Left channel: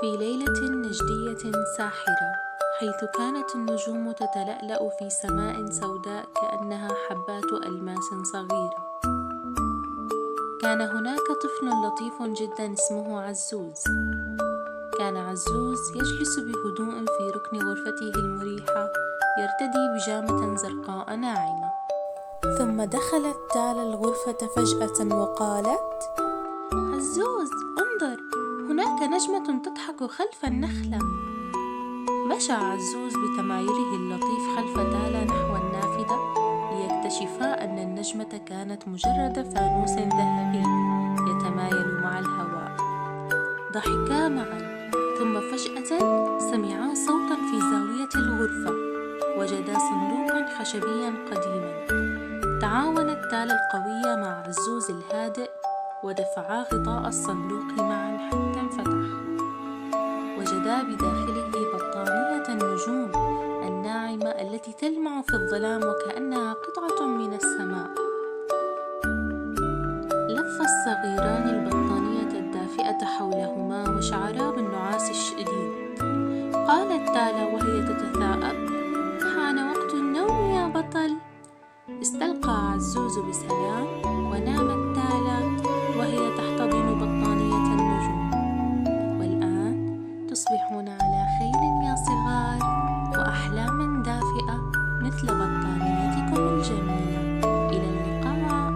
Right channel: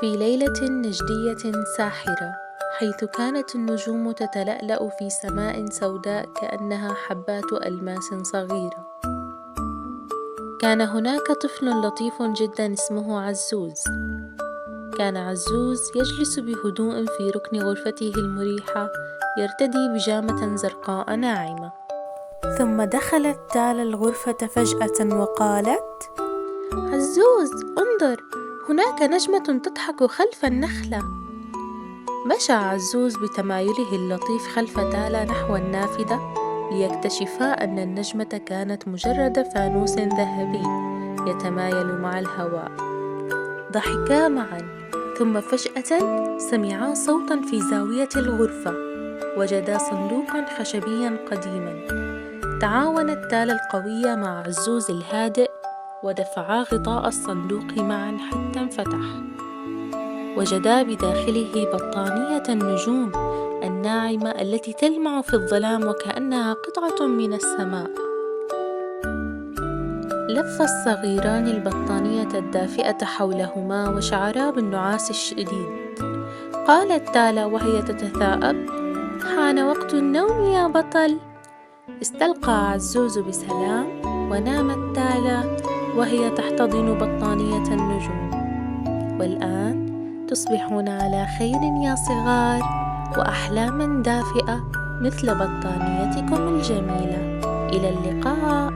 في ليلة نجدية ساحرة، حيث كانت النجوم تتلألأ في سماء سوداء كأنها حبات ألماس صغيرة، كان هناك طفل لطيف جدا اسمه عزوز. كان عزوز يجلس بهدوء في ركن غرفته المريحة يرتدي بيجامة زرقاء ناعمة. ثم دخلت تالا الغرفة فجأة وقالت: عزوز، انظر، هناك نجمة تضحك خلف النخلة. مشى عزوز بتمايله اللطيف خلف تالا نحو النافذة ليكتشفا أن النجمة كانت مجرد فانوس ذهبي يتمايل مع الهواء. ضحكا معا، ثم فجأة سمعا صوتا في زاوية الغرفة، وجدا صندوقا خشبيا قديما. تعاونت تالا القوية مع عزوز الهادئ ودفعا غطاء الصندوق معا حتى انفتح. وجدا بداخله بطانية النجوم الناعمة التي تلمع في الظلام وكأنها قطعة من السماء. لف الصغيران البطانية الدافئة حولهما وشعرا بالنعاس الشديد. قالت تالا وهي تتثاءب: حان وقت النوم يا بطل. استلقى عزوز بسلام، ونامت تالا وهي تحتضن بطانية النجوم. والآن تصبحون على خير يا صغار، وأحلاما دافئة مثل بطانيتكم الجميلة. إلى اللقاء.